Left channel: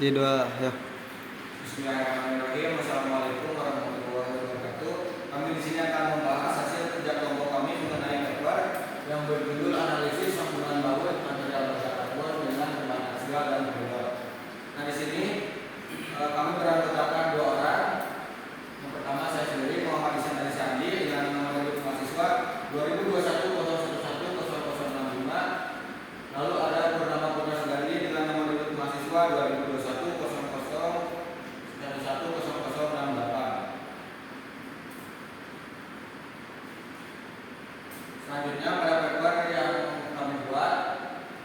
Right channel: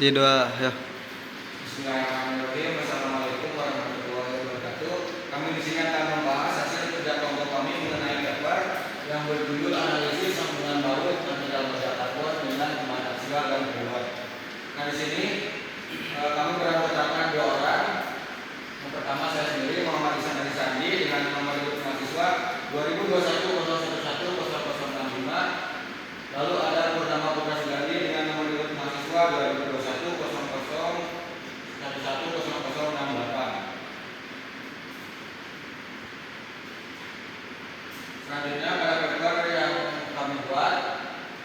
Tidak, ya. Bismillahirrahmanirrahim. Assalamualaikum warahmatullahi wabarakatuh. Kami di sini akan membahas hasil kerja kelompok kami mengenai paper yang berjudul analisis sambungan baut antikel baja karbon dengan pemain aksial dan preload. Nah, di sini kami beranggotakan 2 orang. Yang pertama saya sendiri, Muhammad Ihsan Ali Sandi, dengan nomor induk mahasiswa 2021011065. Lalu ada Purnama Putra Sugandi dengan nomor induk mahasiswa 2021011068. Selanjutnya pada paper yang kami buat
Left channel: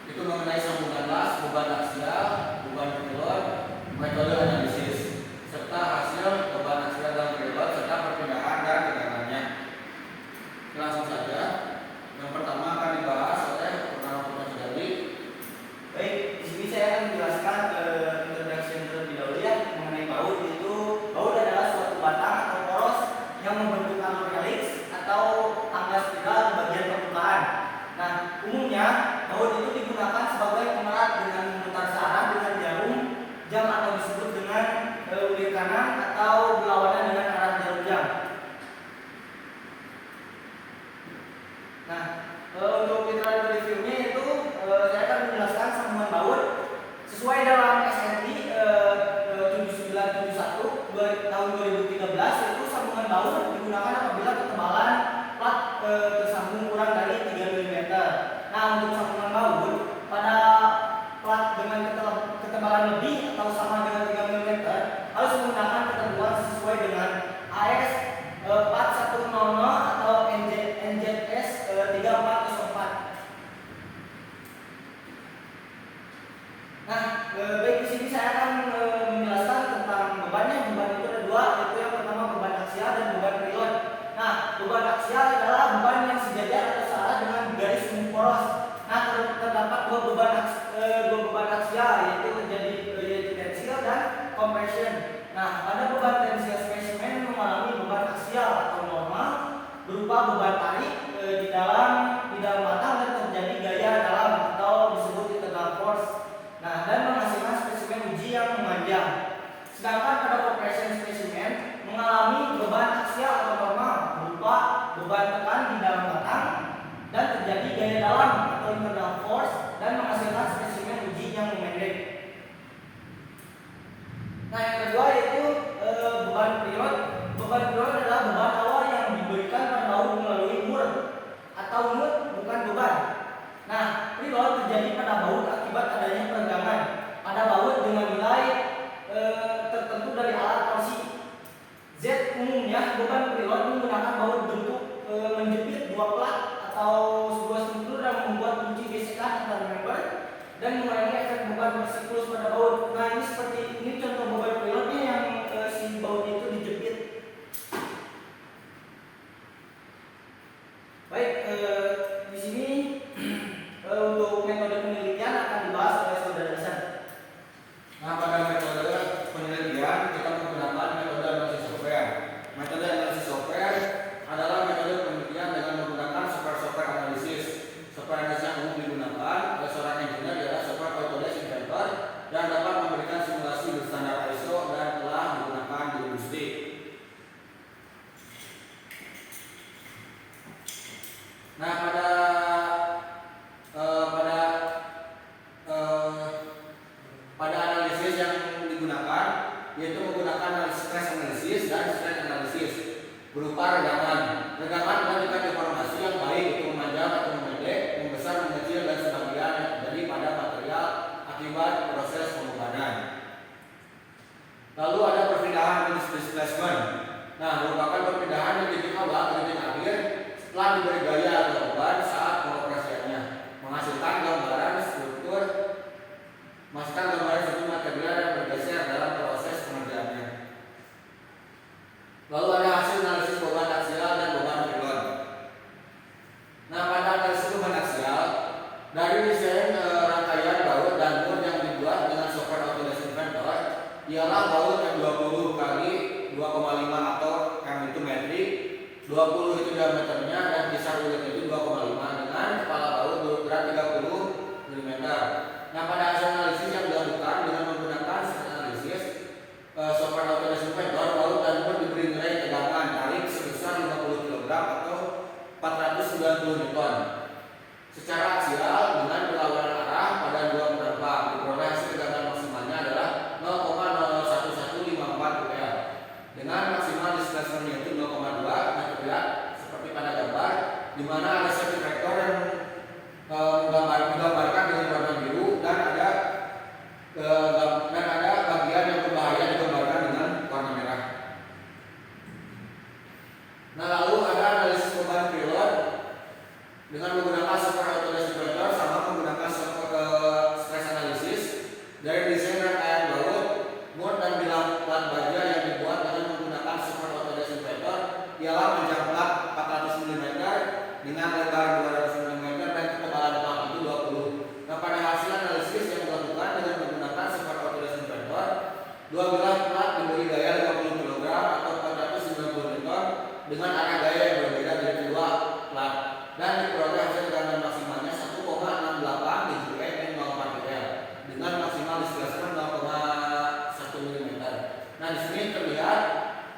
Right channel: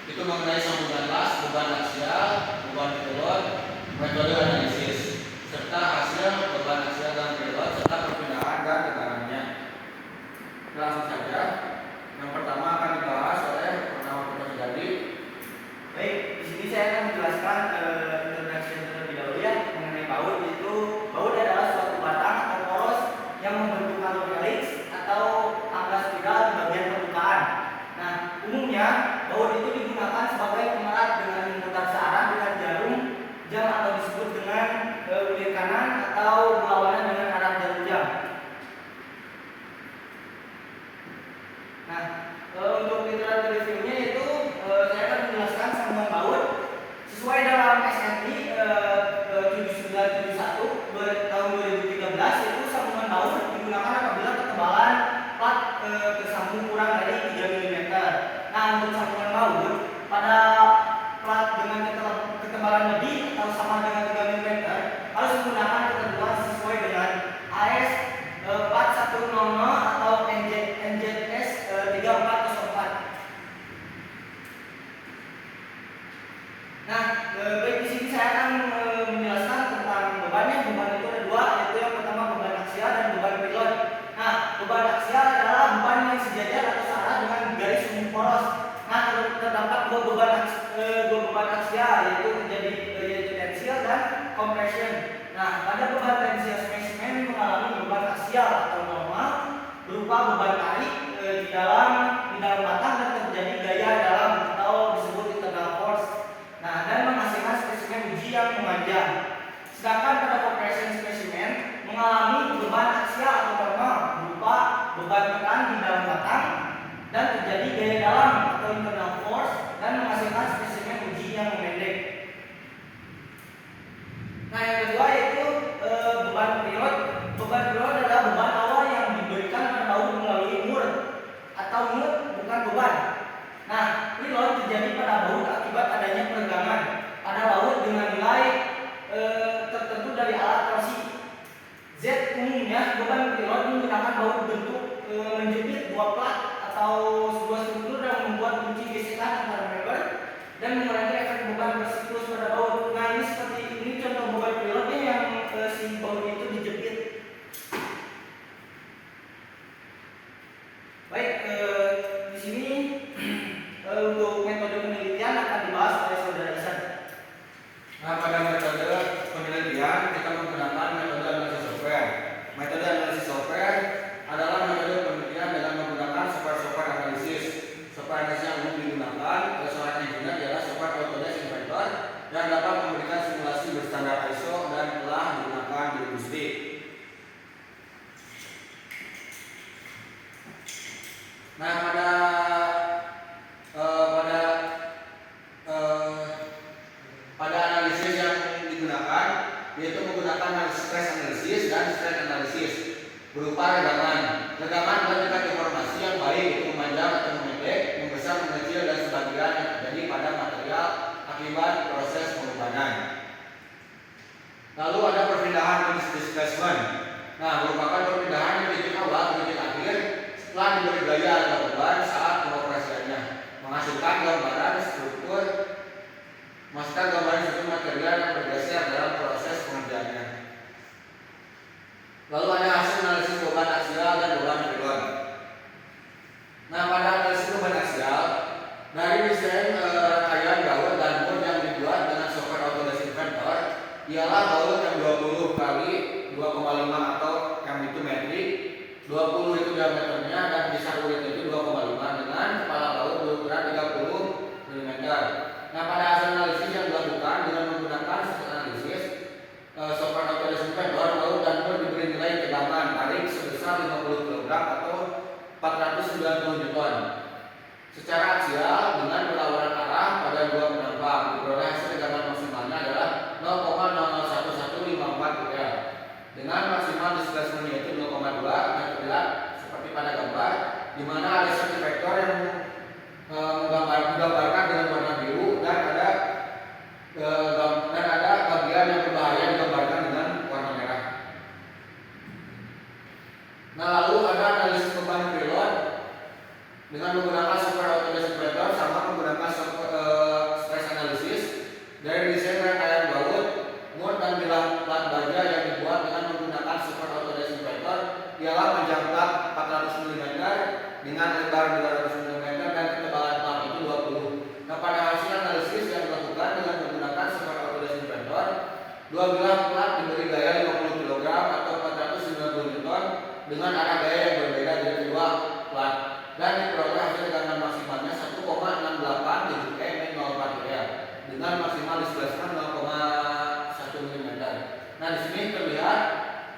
itu mengenai sambungan las, beban aksial, beban preload, metode analisis, serta hasil beban aksial dan preload serta perpindahan dan tegangannya. Langsung saja. Yang pertama akan dibahas oleh Purnama Putra Sugandi. Baik, di sini saya akan menjelaskan introduction terlebih dahulu ya mengenai baut. Yaitu baut adalah suatu batang atau poros yang membentuk alur helix atau tangga spiral di bagian permukaan. Nah, umumnya baut itu digunakan sebagai pemerat dengan memutar searah dengan jarum jam atau disebut dengan unit kanan atau berlawanan dengan arah jarum jam. Nah, untuk literatur reviewnya itu saya akan menjelaskan sambungan baut sesuai dalam SRI 7971 tahun 2013. Itu sambungan baut digunakan apabila ketebalan plat tersambung kurang dari 3 mm. Nah, untuk sambungan baut pada plat dengan ketebalan lebih atau sama dengan 3 mm harus menggunakan ketentuan sesuai dengan AS 4100 atau NZS 3404. Nah, baik, di sini saya akan menjelaskan tentang bebannya. Beban itu ada 2, yaitu yang pertama beban aksial dan beban preload. Nah, beban aksial adalah beban yang sejajar atau searah dengan garis umum poros. Nah, terdapat dua beban aksial, yaitu tensial dan compression. Nah, pada beban tensial spesimen mengalami beban aksial atau normal berupa beban tarik di dalam batang dan terjadi gaya dalam atau disebut internal force. Nah, dan menghasilkan spesimen uji yang memanjang. Sedangkan pada compression spesimen mengalami beban aksial atau normal berupa beban tekan di dalam batang dan terjadi gaya dalam atau internal force dan menghasilkan spesimen uji yang memendek. Nah, yang kedua yaitu beban preload. Beban preload adalah beban awal yang diberikan pada baut melalui mur atau mut, bukan beban. Nah, preload terjadi pada baut akibat adanya peregangan pada baut dengan nilai tertentu dari alat torsi. Z umumnya beban preload menggunakan baut bentuk menjepit 2 plat atau sebuah struktur yang membuat kunci gesekan antar member dan mengurangi efek beban bersiklus pada baut. Nah, ini seperti ini contoh beban preloadnya yang si bautnya itu dijepit. Baik, di sini untuk metode penelitian akan dibahas oleh saudara Ihsan. Nah, pada metode penelitian kita menggunakan metode analisis software. Metode analisis software adalah metode penelitian dengan menggunakan software analisis. Software analisis yang umum digunakan oleh seorang engineer adalah software Autodesk Inventor dan dapat memberikan simulasi berstandar ISO dan telah digunakan di industri. Nah, pada analisis yang digunakan yaitu menggunakan stress analysis dan strain analysis berupa regaman. Regaman adalah tingkat deformasi yang baik, itu memanjang atau memendek, membesar, mengecil dan sebagian yang terjadi pada material akibat proses pembebanan. Lalu ada perpindahan displacement. Nah, merupakan perpindahan dari titik awal ke titik akhir setelah diberi gaya atau beban saat pengoperasiannya, menghasilkan gambaran struktur material yang bergeser dalam proses pengerjaannya. Lalu ada hasil analisis beban aksial dan beban preload. Nah, pada analisis beban aksial dari desain rangkaian baut dan mur yang dibuat dengan software Autodesk Inventor ialah baut yang 20 kali 2,5 atau M itu metrik, 20 itu diameternya dan besar ulitnya itu 2,5 dengan kepala baut berukuran 30 mm. Nah, pada hasil analisis yang dilakukan dengan menggunakan Dan ada bagian yang berbahaya digambarkan dengan warna merah. Nah, lalu ada analisis beban preload dengan menggunakan software Autodesk Operator sama menggunakan stress analysis dari desain rangkaian baut, mur dan bilah plat baja yang dibuat dengan menggunakan software Autodesk Operator ialah panjang plat 400 mm dengan lebar 200 mm dan ketebalan plat itu 20. Nah, pada hasil analisis yang dilakukan dengan menggunakan software Autodesk Operator, dua bilah plat diberi gaya 50 kg atau 490 Newton dengan arah gaya yang berbeda dari kedua plat dan diperoleh hasil tegangan maksimalnya 1,68 dgm N04 dengan maksimal displacement 0,1 mm. Nah, di sini terlihat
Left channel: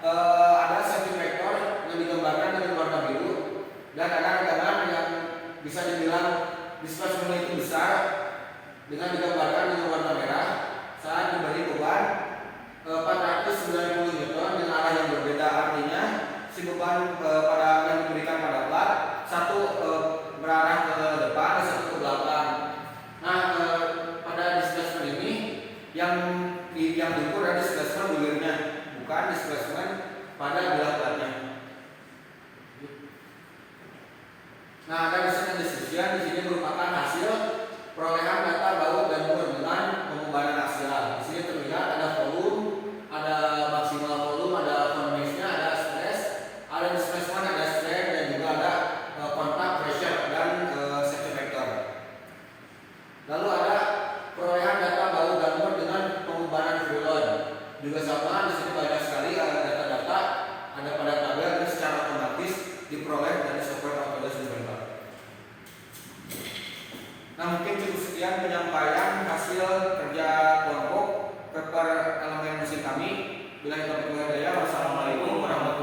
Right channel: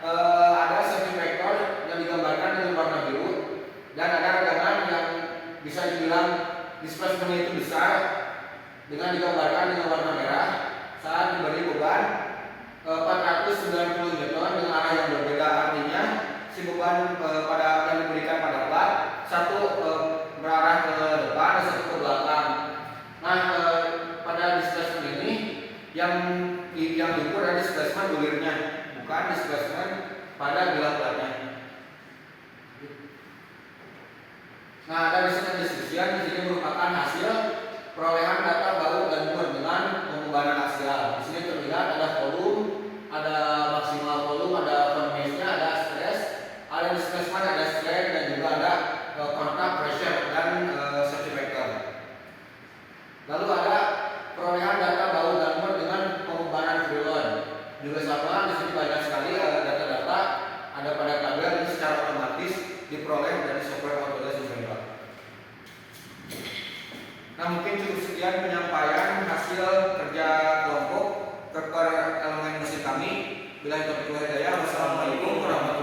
ada safety factor yang digambarkan dengan warna biru dan ada tegangan yang bisa dibilang displacement itu besar dengan digambarkan dengan warna merah saat diberi beban 490 Newton dengan arah yang berbeda. Artinya si beban pada yang diberikan pada plat satu berarah ke depan dan satu ke belakang. Nah, pada displacement ini yang diukur adalah displacement bulirnya, bukan displacement pada bilah platnya. Nah, ada desain distribution di sini merupakan hasil perolehan data baut dan mur dengan pembebanan aksial. Di sini terlihat ada volume, ada maksimal volume, ada convection, ada stress, ada displacement, ada strain dan juga ada contact pressure dan safety factor. Lalu ada perolehan data baut dan mur dengan pembebanan preload. Juga sama, di sini banyak sekali data-data ada pada tabel yang secara otomatis diperoleh dari software Autodesk Operator. Nah, mungkin cukup sekian penyampaian hasil kerja kelompok per elemen mesin kami. Bila itu hidayah, wassalamualaikum warahmatullahi wabarakatuh.